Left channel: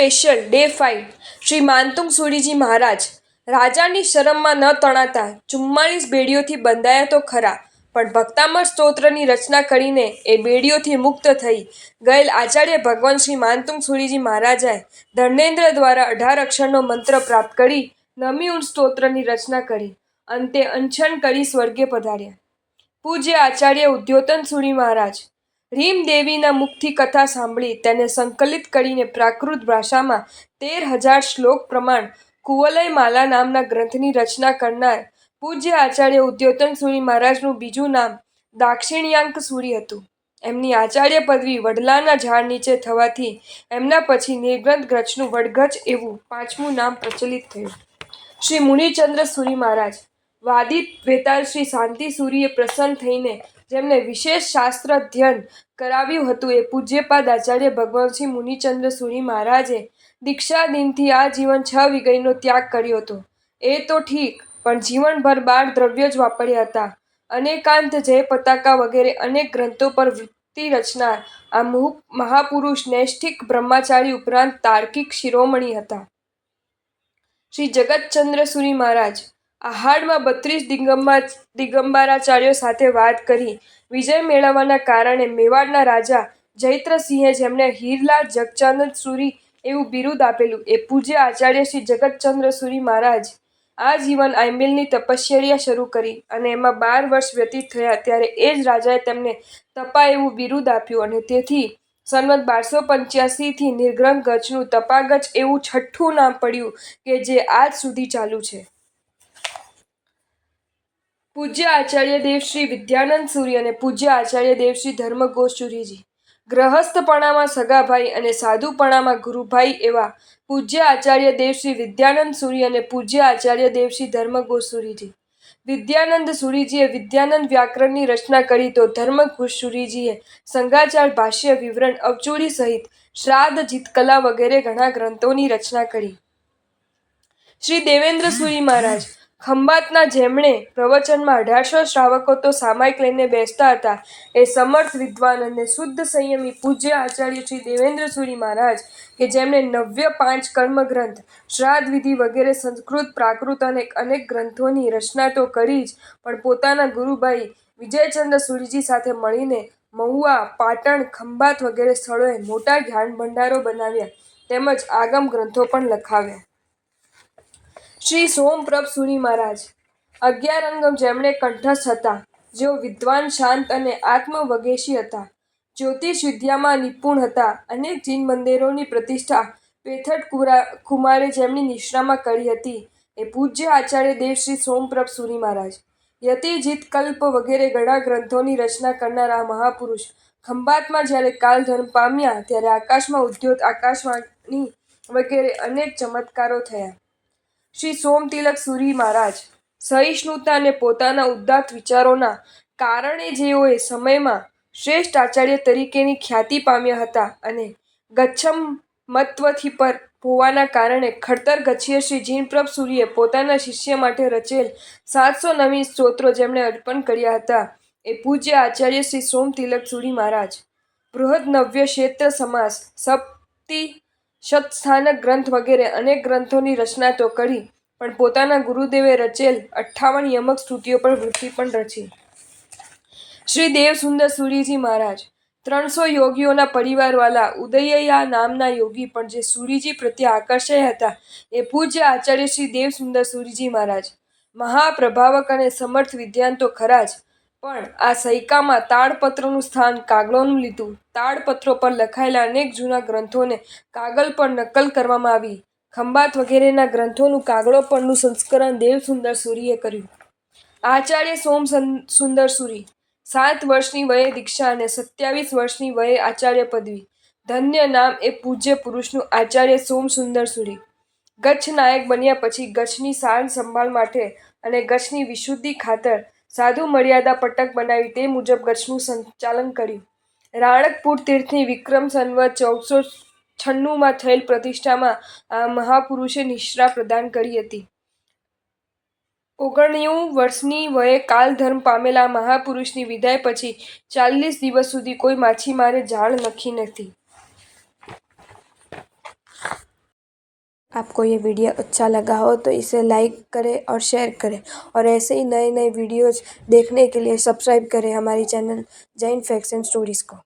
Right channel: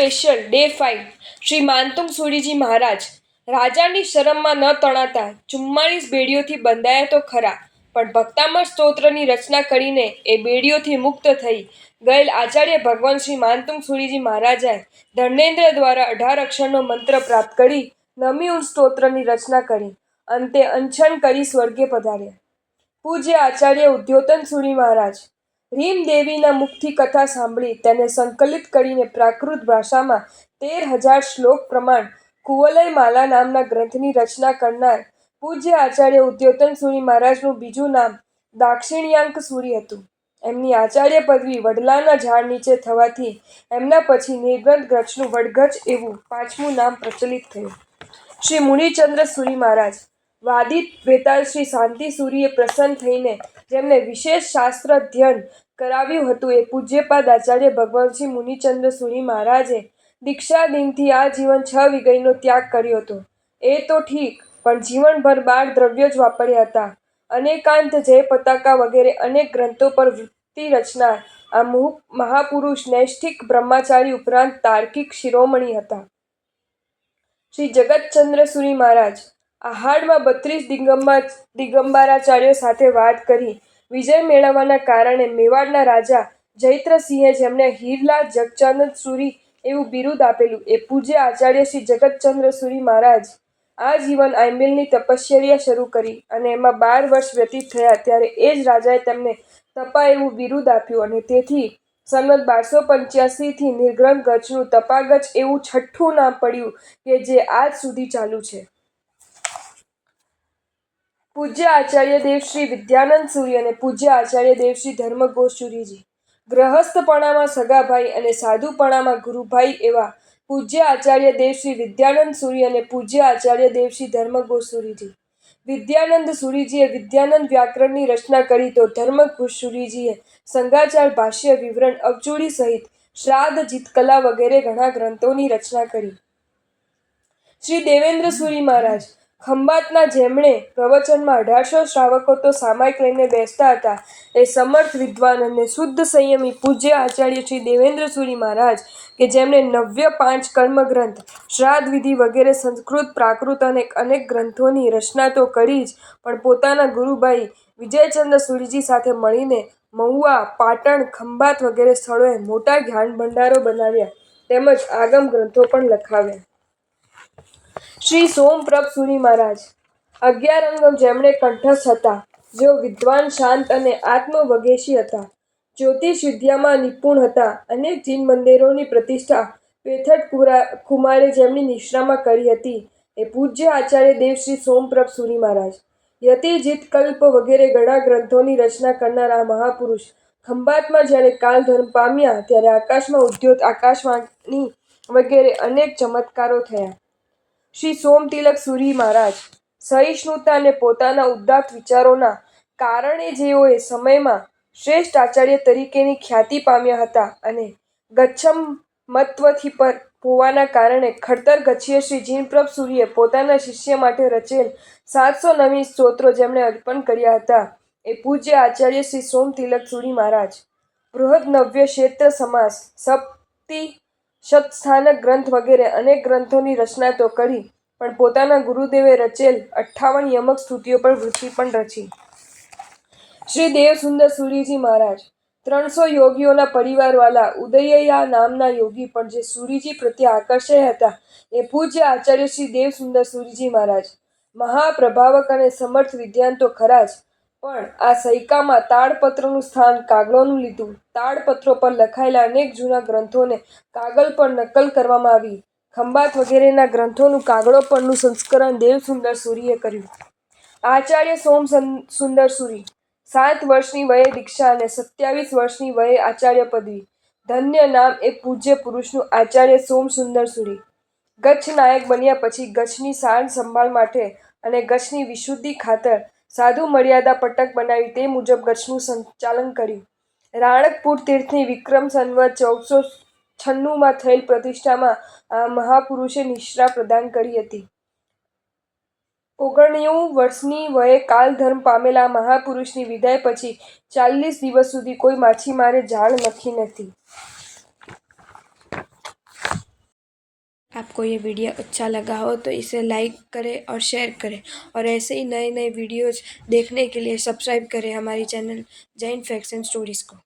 Special day 5 Shri માનતુંગ Suriji મહારાજ રાજાની શરમમાં ન તણાતા 44 બેડીઓથી બંધાયા તો ખરા, પણ ભક્તામર સ્તોત્રની રચના કરીને એ બેડીઓથી મુક્ત થઈ ગયેલ આચાર્ય ભગવાન શ્રી માનતુંગ સુરીજી મહારાજાએ ધર્મેન્દ્ર દ્વારા 18 અક્ષરનો મંત્ર પ્રાપ્ત કરી નમી ઉન સ્તોત્રની રચના કરી. અંતે અનશન કરી સ્વર્ગે પધાર્યા. પૂજ્ય આચાર્ય ઉદ્યોતન સુરી મહારાજ રીમ દેવીના મુખથી કથા સાંભળી તેને સંકલિત કરીને પ્રાકૃત ભાષામાં 13,000 શ્લોક પ્રમાણ કુવલય માલા નામના ગ્રંથની રચના કરનાર પૂજ્ય આચાર્ય ઉદ્યોતન સુરી મહારાજનું બીજું નામ દાક્ષિણાયક સુરી હતું. એમની આચાર્ય પદવી વડલાના ઝાડ નીચે થવાથી એમના પછી નિર્ગ્રંથ ગ્રચનું વડગજ એવું 5મું નામ પ્રચલિત થયું. શ્રી મુનિચંદ્ર સુરી મહારાજ વાદિત વેતાલ શ્રી શાંતિ સુરીએ પ્રસન્ન થઈને જેમને વિશેષ શાસ્ત્ર અધ્યયન કરાવ્યું હતું એ પૂજ્યપાદ આચાર્ય ભગવાન શ્રી મુનિચંદ્ર સુરી મહારાજે દીક્ષાદિનથી આ જીવન 6 વિગયનો ત્યાગ કર્યો હતો. એ તો ઠીક, પણ જીવનભર 12 દ્રવ્યો જ વાપર્યા હતા. અનેકાંત જય પતાકા વગેરે અનેક ગ્રંથો પર વૃત્તિ રચનાર આ મહાપુરુષ નૈષ્ઠિક બ્રહ્મચારી ઉપરાંત તાર્કિક શિરોમણી હતા. શ્રી જગતચંદ્ર સુરી મહારાજ આહાડમાં 32 દિગંબરાચાર્યો સાથે વાત કરી વિજય મેળવવાના કારણે મેવાડના રાજા જયદ્રથસિંહે જેમને હીરલાલ જગચંદ્ર સુરી એવું બિરુદ આપેલું એ પૂજ્ય આચાર્ય શ્રી જગતચંદ્ર સુરી મહારાજ આ જીવન આંબિલની તપશ્ચર્યા શરૂ કરી અને એમાં 12 વર્ષ વ્યતીત થયા ત્યારે એ જ રાજાએ તેમને તપા એવું બિરુદ આપ્યું અને તેથી સંવત 1285થી નિર્ગ્રંથ ગચનું તપાગચ એવું 6ઠ્ઠું નામ પડ્યું કે જે આજ સુધી ચાલુ છે. પૂજ્ય આચાર્ય દેવ શ્રી વિદ્યાનંદ સુરી અને પૂજ્ય આચાર્ય દેવ શ્રી ધર્મઘોષ સુરીજી ગ્રહસ્થપણામાં સગાભાઈ અને સાધુપણામાં ગુરુભાઈ એવા પૂજ્ય આચાર્ય દેવ શ્રી વિદ્યાનંદ સુરી અને પૂજ્ય આચાર્ય દેવ શ્રી ધર્મઘોષ સુરીજી. વિદ્યાનંદ સુરીજીએ વિદ્યાનંદ વ્યાકરણની રચના કરી તો ધર્મઘોષ સુરીજીએ સંગાચાર ભાષ્ય વિવરણ અવચૂરી સહિત શ્રાદ્ધ જીતકલા વગેરે ઘણા ગ્રંથોની રચના કરી. શ્રી દેવેન્દ્ર સુરી મહારાજ ખંભાતના જેમણે પ્રવચનમાં 1800 શ્રાવકો તો સામાયિક લઈને બેસતા હતા એ સમર્થ વિદ્વાન અને શુદ્ધ સંયમી પૂજ્ય આચાર્ય શ્રી દેવેન્દ્ર સુરી મહારાજ કે જેમણે 95 કર્મગ્રંથ શ્રાદ્ધ વિધિ વગેરે સંસ્કૃત પ્રાકૃત અને અનેક ગ્રંથોની રચના તો કરી જ પણ પોતાના ગુરુભાઈ વિજયચંદ્ર સુરીજી સાથે મળીને મહુવા, પાટણ, ખંભાત વગેરે સ્થળોએ મોટા જ્ઞાન ભંડારો બનાવ્યા તેમજ આગમ ગ્રંથો પણ લખાવ્યા. શ્રી સોમપ્રભ સુરી મહારાજ 11 અંગમ જેમણે કંઠસ્થ હતા જેઓ વિદ્વાન શાંત અને આત્મવગેશી હતા. જ્યોતિષ વિદ્યામાં નિપુણ હતા. અનેક જીન મંદિરોની પ્રતિષ્ઠા પેથટ કુમારે જેમની નિશ્રામાં કરી હતી એ પૂજ્ય આચાર્ય દેવ શ્રી સોમપ્રભ સુરી મહારાજ. યતિ જીતકલ્પ વગેરે ઘણા ગ્રંથોની રચના કરનાર આ મહાપુરુષ ખંભાતમાં જ્યારે કાલધર્મ પામ્યા ત્યારે આકાશમાં ઉદ્યોત આકાશવાણી વગેરે અનેક ચમત્કારો થયા. શ્રી સોમતિલક સુરી મહારાજ સહિષ્ણુતા અને પોતાના ઉદાત્ત વિચારોના કારણે જેઓ એ સમયમાં શ્રેષ્ઠ આચાર્ય તરીકેની ખ્યાતિ પામ્યા હતા અને ગચ્છમત્વથી પર હોવાના કારણે ખડતર ગચ્છીય શ્રી જીનપ્રભ સુરીએ પોતાના શિષ્ય માટે રચેલ 709 સ્તોત્રો જેમણે અર્પણ કર્યા હતા એ પૂજ્ય આચાર્ય શ્રી સોમતિલક સુરી મહારાજ. બૃહદનવ્ય ક્ષેત્ર સમાસ, સપ્તિ શતસ્થાનક ગ્રંથ વગેરે અનેક ગ્રંથોની રચના તો કરી પણ પોતાના ગુરુદેવે રચેલ 58 યમક સ્તુતિઓ પર વૃત્તિ પણ રચી. શ્રી દેવસુંદર સુરીજી મહારાજ 300 યોગીઓના પરિવારવાળા ઉદયયા નામના યોગી પણ જે સુરીજી પ્રત્યે આકર્ષાયા હતા એ પૂજ્ય આચાર્ય શ્રી દેવસુંદર સુરીજી મહારાજ મહાપ્રભાવક અને સમર્થ વિદ્વાન તો ખરા જ પણ આ સૈકામાં તાડપત્રનું સ્થાન કાગળોનું લીધું. તાડપત્રો પર લખાયેલા અનેક જૂના ગ્રંથોને કાગળ પર નકલ કરવામાં આવી. ખંભાત વગેરેના ગ્રંથોનું કાગળો પરનું સંસ્કરણ દેવસુંદર સુરીએ કર્યું. આચાર્ય સોમ સુંદર સુરી 7 વર્ષની વયે દીક્ષા અને 27 વર્ષની વયે આચાર્ય પદવી. ધન્ય નામ એ પૂજ્ય પુરુષનું આચાર્ય સોમ સુંદર સુરી. ગચ્છ નાયક બન્યા પછી ગચ્છની સાર સંભાળ માટે અને ગચ્છની વિશુદ્ધિ ખાતર સાધુ મર્યાદા પટક બનાવી તે મુજબ ગચ્છનું સંચાલન કર્યું. રાણકપુર તીર્થની વિક્રમ સંવત 1496માં થયેલ પ્રતિષ્ઠામાં આ મહાપુરુષે નિશ્રા પ્રદાન કરી હતી. 99 વર્ષની વયે કાલધર્મ પામેલા આ મહાપુરુષની વિદાય પછી 40 દિવસ સુધી કોઈ માછીમારે જાળ નખી નથી. आपको ये वीडियो अच्छा लगा हो तो इसे लाइक करें और शेयर करें, और ऐसे ही नए नए वीडियोज़ देखने के लिए सब्सक्राइब करें हमारी channel Jain facts and stories को।